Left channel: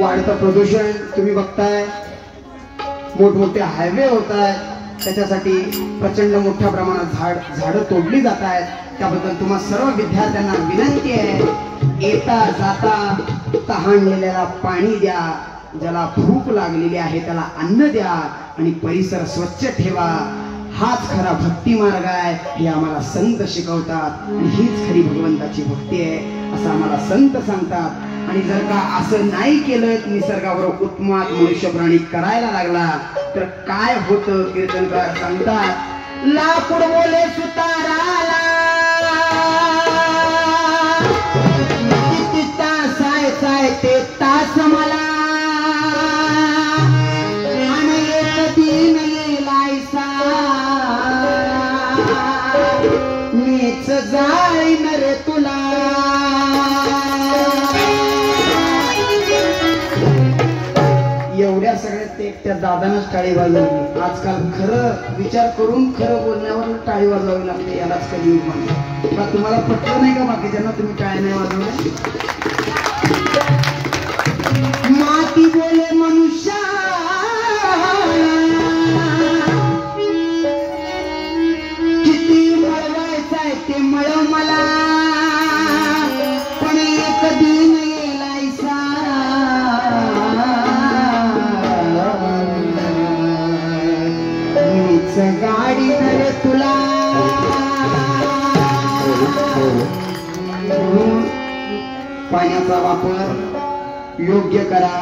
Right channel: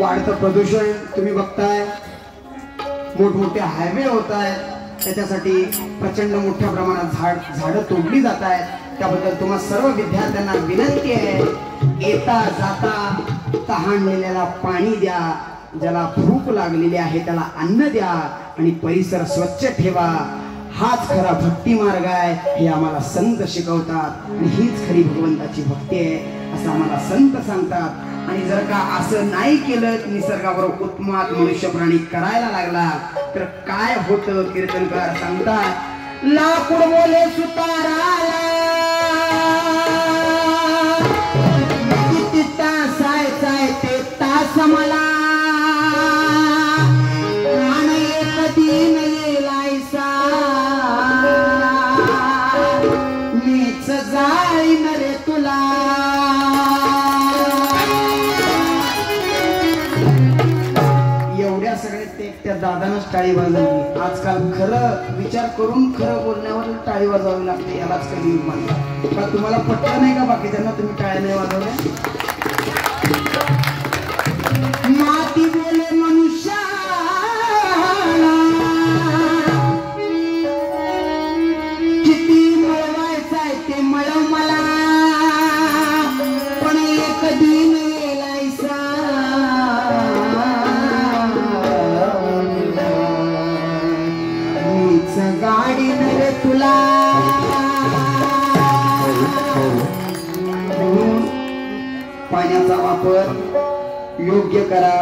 वाढतं प्रदूषण तुम्ही बघताय, मोठमोठे हायवे होत आहेत, त्याच्यासाठी प्रचंड मोठ्या प्रमाणात झाडं तोडली जात आहेत. त्याबद्दल तुम्हा सर्व विद्यार्थ्यांना विनंती आहे, येता जाता तहानलेल्याला पाणी द्या, ज्याला भूक लागलेली आहे त्याला अन्न द्या आणि परिसर स्वच्छ ठेवा. हाच खरा भक्ती मार्ग आहे हे आम्हाला संत शिकवतात आणि हीच खरी भगवंताची भक्ती आहे असं आम्हाला संत सांगतात. आणि जर का असं नाही केलं, निसर्गाबरोबर उत्मात मनुष्य प्राणी करायला लागला तर काय होतं कीर्तनकार सांगतात. लाकूड बोले सुताराला किती तास आहे ते तास मला आणि एक दिन येलायसा मीच जाईन रे तुला. एवढ्या सगळ्यात ते त्या दादानच टाळी वाजवली. आजकाल खरं विचार करून खरं बोलण्यावर टाळी वाजवावी लागते, यालाच कधी म्हणतात. का तुम्हाला पटलं नाही का बाकीच्यांना तुम्ही टाळ्या नाही वाजवल्या? माती बोले मनुष्य किती मिळवायचंय ते मिळव मला, पण एक दिन येलायसा मीच गाडी नरे तुला. पाण्याचा वापर योग्य करा,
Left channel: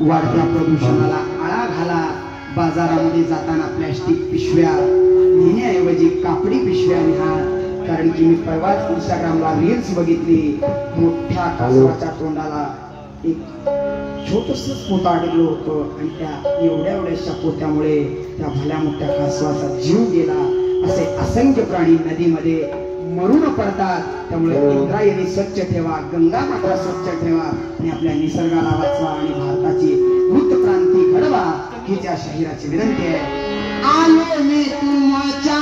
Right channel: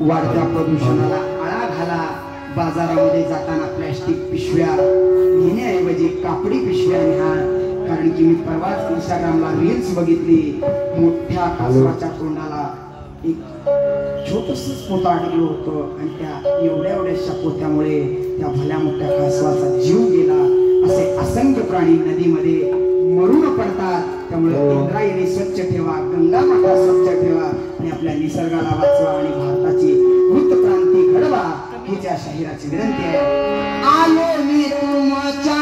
वाढत्या प्रदूषणाला आळा घाला. बाजारामध्ये जाताना प्लॅस्टिक पिशव्या घेण्याऐवजी कापडी पिशव्या न्या. कारण की मी परवाच इंस्टाग्रामला रील्स बघितली, मोठ्या कासवाच्या तोंडाला एक छोटंसं पोतं अडकलं होतं आणि त्या एवढ्याशा पोत्यामुळे त्या भल्या मोठ्या कासवाचा जीव गेला. असे असंख्य प्राणी नदीमध्ये मरून पडतात. त्यामुळे इंद्रायणी स्वच्छ ठेवा, गंगा माता स्वच्छ ठेवा आणि आपल्या निसर्गाला वाचवा आणि भारताची वृत्त क्रांती घडवा हीच या शहराची विनंती आहे. आलो मी तुमच्या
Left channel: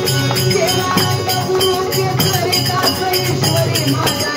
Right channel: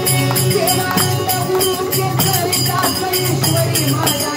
देवानंद गुरु के करे दास ईश्वरी माझ्या